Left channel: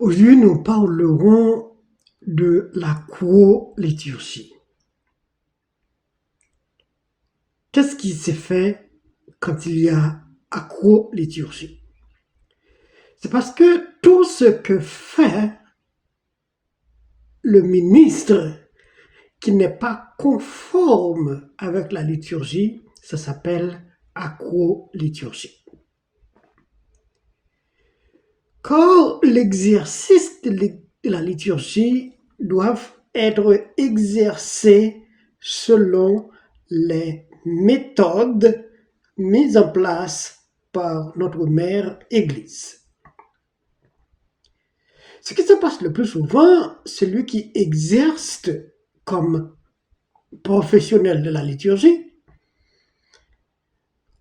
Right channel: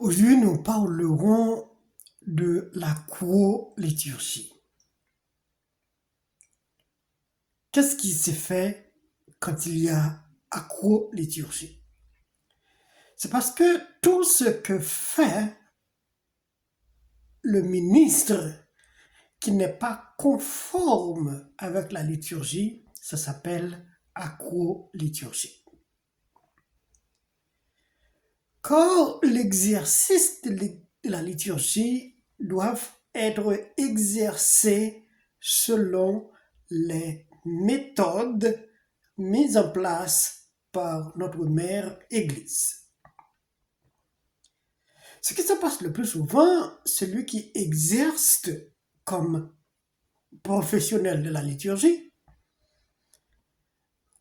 Aujourd'hui, nous parlerons de la co-liturgie. Qu'est-ce qui se fait quand il y a acro-liturgie? C'est parce que tout ce que fait le ministre qui n'est pas conforme avec la liturgie, ça s'appelle acro-liturgie. Quand l'exercice de la liturgie doivent être exercés selon les méthodes mises en place par notre mère Église. Ce qui se passe le plus souvent, celui qui exerce comme professionnel de la liturgie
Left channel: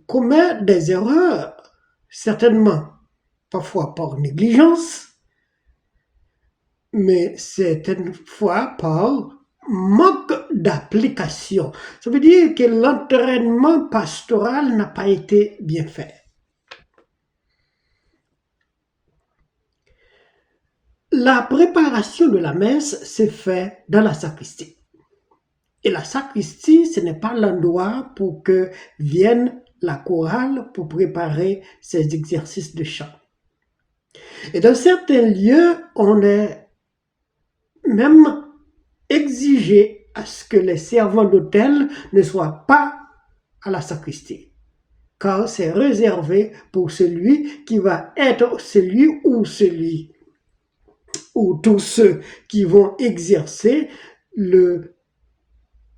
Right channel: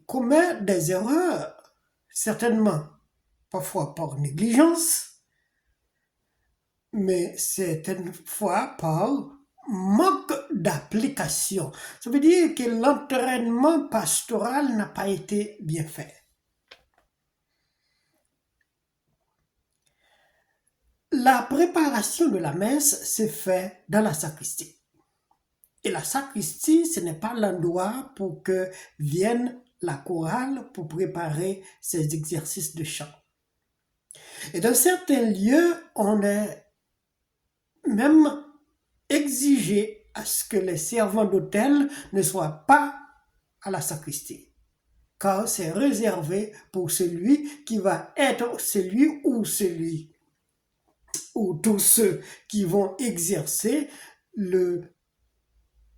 commet des erreurs, certainement parfois par négligence, mais certaines fois par manque d'application. Ça veut dire que l'entraînement pastoral n'a pas été bien fait. La préparation de la messe s'est faite dans la sacristie. Et la sacristie, ce n'est pas l'endroit pour que vienne la chorale pour préparer ses exercices de chant. Et dans certains lieux, on est même exigé à ce que les servants d'autel ne soient pas à la sacristie, car c'est réservé pour celui qui va être celui ou tous ceux qui vont exercer le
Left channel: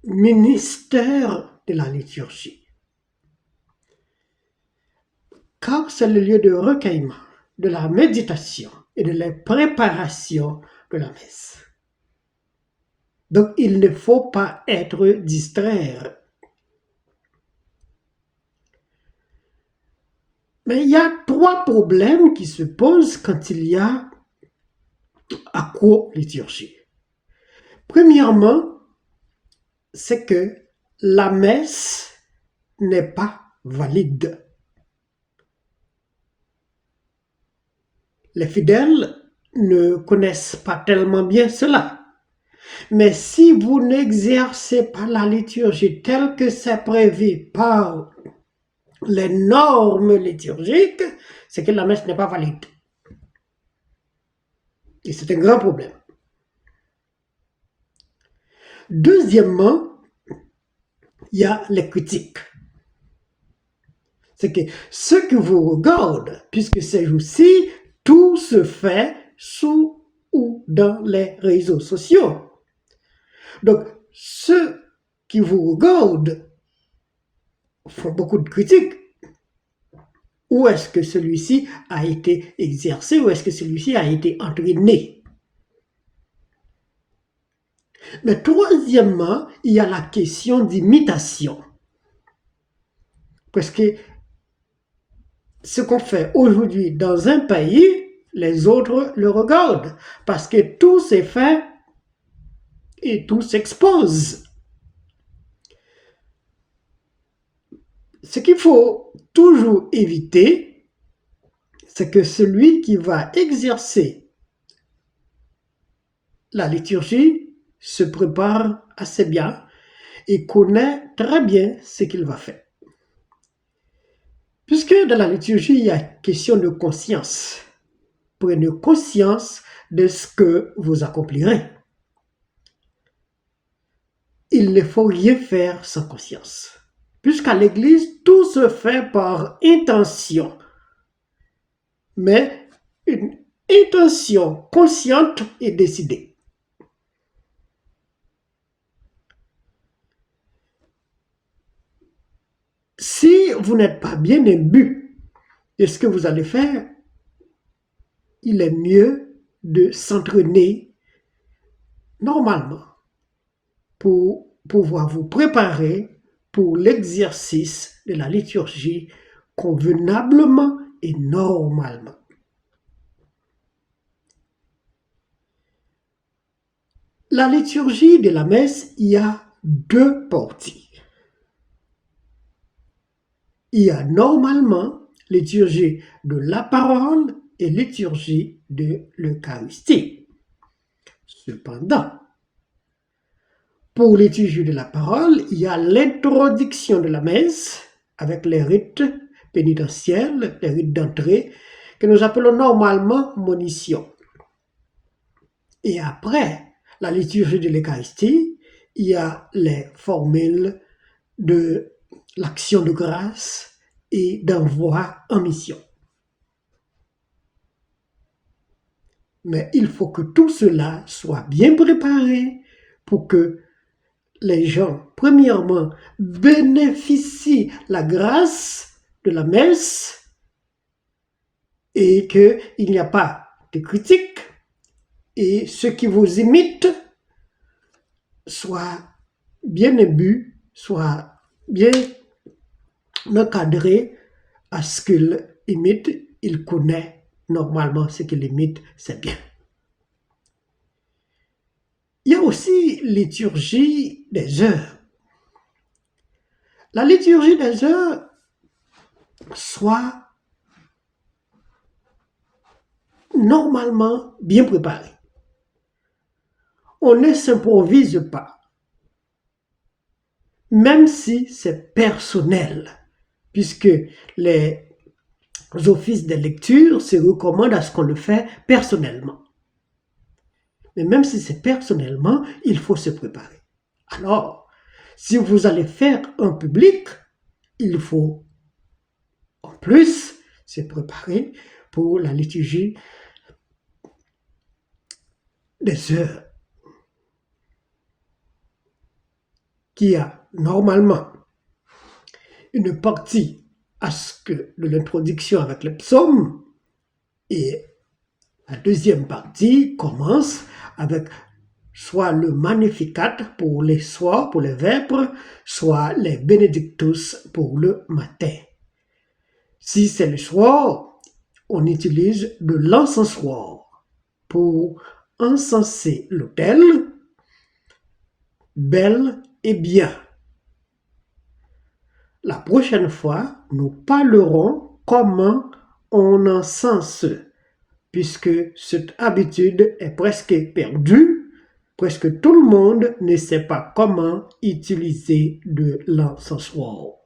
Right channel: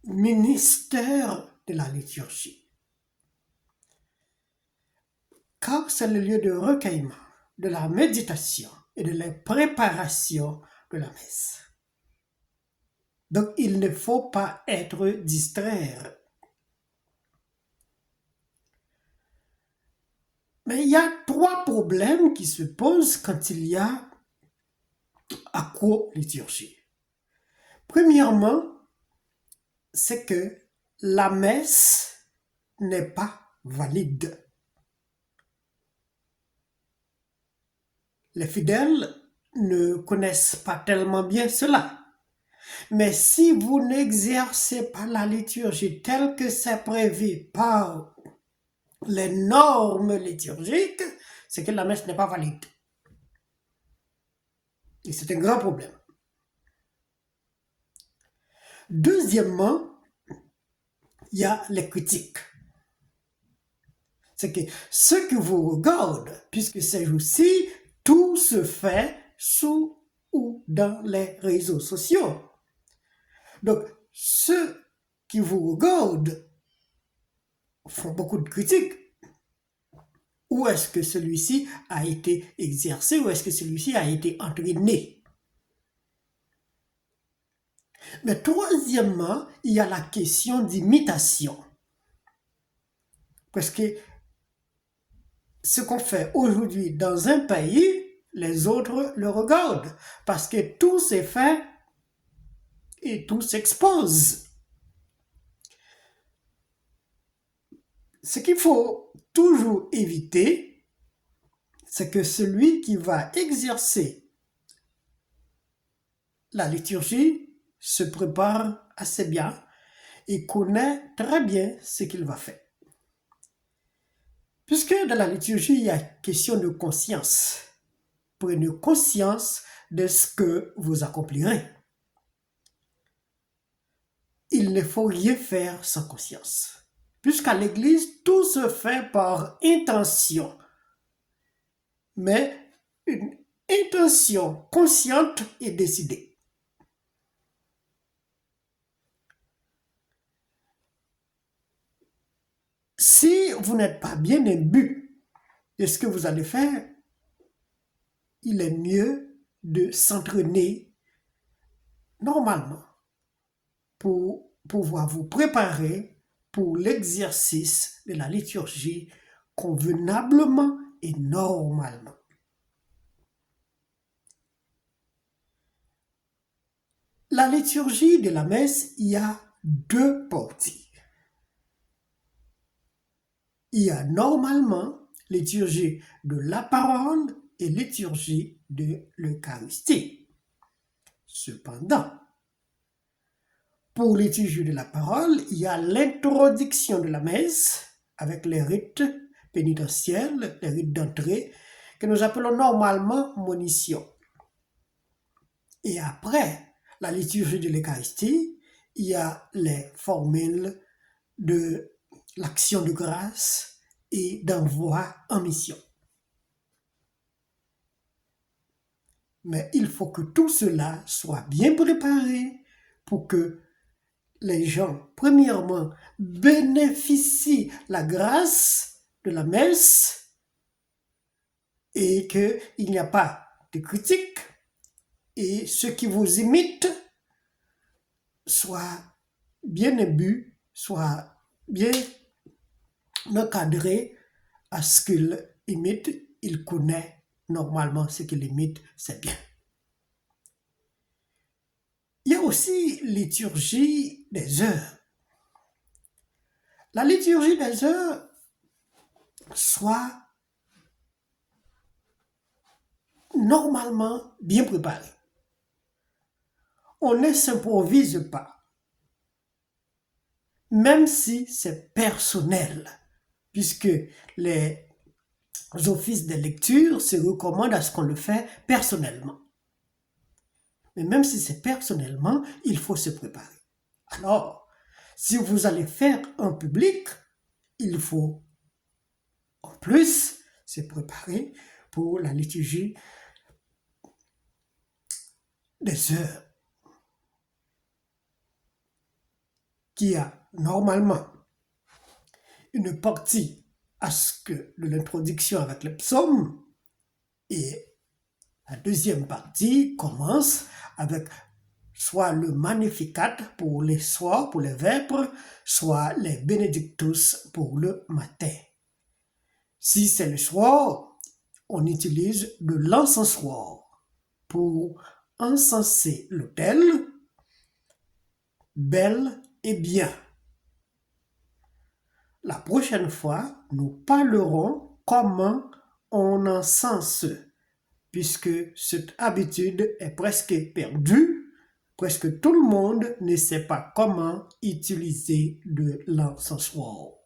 ministère de la liturgie. Car c'est le lieu de recueillement, de la méditation et de la préparation de la messe. Donc il ne faut pas être distraire. Mais il y a trois problèmes qui se posent quand il y a acro-liturgie. Premièrement, c'est que la messe n'est pas valide. Les fidèles ne connaissent pas tellement bien cela. Mais si vous n'exercez pas la liturgie telle que c'est prévu par les normes liturgiques, c'est que la messe n'est pas valide. Et c'est un grand problème. Deuxièmement, il y a les critiques. C'est que ceux qui vous regardent, puisque ces jours-ci, tout se fait sous ou dans les réseaux sociaux. Donc, ceux qui vous regardent font beaucoup de critiques. Où est-ce que celui-ci a été exercé? Où est-ce que celui-ci a été entraîné? Mais troisièmement, il y a la question d'imitation. Parce que ce qu'on fait aujourd'hui dans un pays, les autres le regardent. Parce que tout s'est fait et tout s'expose. Ce qu'il faut toujours éviter, c'est que celui qui va exercer la liturgie se prépare assez bien et connaît très bien ce qu'il va faire. Puisque dans la liturgie, il y a question de conscience. Prenez conscience de ce que vous accomplirez. Il ne faut rien faire sans conscience. Puisqu'à l'Église, tout se fait par intention. Mais une intention consciente et décidée. Si vous n'êtes pas bien imbu de ce que vous allez faire, il est mieux de s'entraîner normalement pour pouvoir vous préparer pour l'exercice de la liturgie convenablement et normalement. La liturgie de la messe, il y a deux parties. Il y a normalement liturgie de la parole et liturgie de l'Eucharistie. Cependant, pour liturgie de la parole, il y a l'introduction de la messe avec les rites pénitentiels, les rites d'entrée, que nous appelons normalement monition. Et après la liturgie de l'Eucharistie, il y a les formules de l'action de grâce et d'envoi en mission. Mais il faut que tout cela soit bien préparé pour que les gens, premièrement, bénéficient la grâce de la messe et qu'il n'y a pas de critique et ceux qui vous imitent soient bien imbus, soient bien encadrés à ce qu'ils imitent. Il connaît normalement ce qu'il imite, c'est bien. Il y a aussi liturgie des heures. La liturgie des heures soit normalement bien préparée. On ne s'improvise pas, même si c'est personnel, puisque les offices de lecture se recommandent à ce qu'on le fait personnellement. Mais même si c'est personnellement, il faut se préparer. Alors, si vous allez faire un public, il faut en plus se préparer pour la liturgie des heures, qui a normalement une partie à ce que de l'introduction avec le psaume, et la deuxième partie commence avec soit le Magnificat pour les soirs, pour les vêpres, soit les Benedictus pour le matin. Si c'est le soir, on utilise de l'encensoir pour encenser l'autel, bel et bien. La prochaine fois, nous parlerons comment on encense, puisque cette habitude est presque perdue. Presque tout le monde ne sait pas comment utiliser de l'encensoir.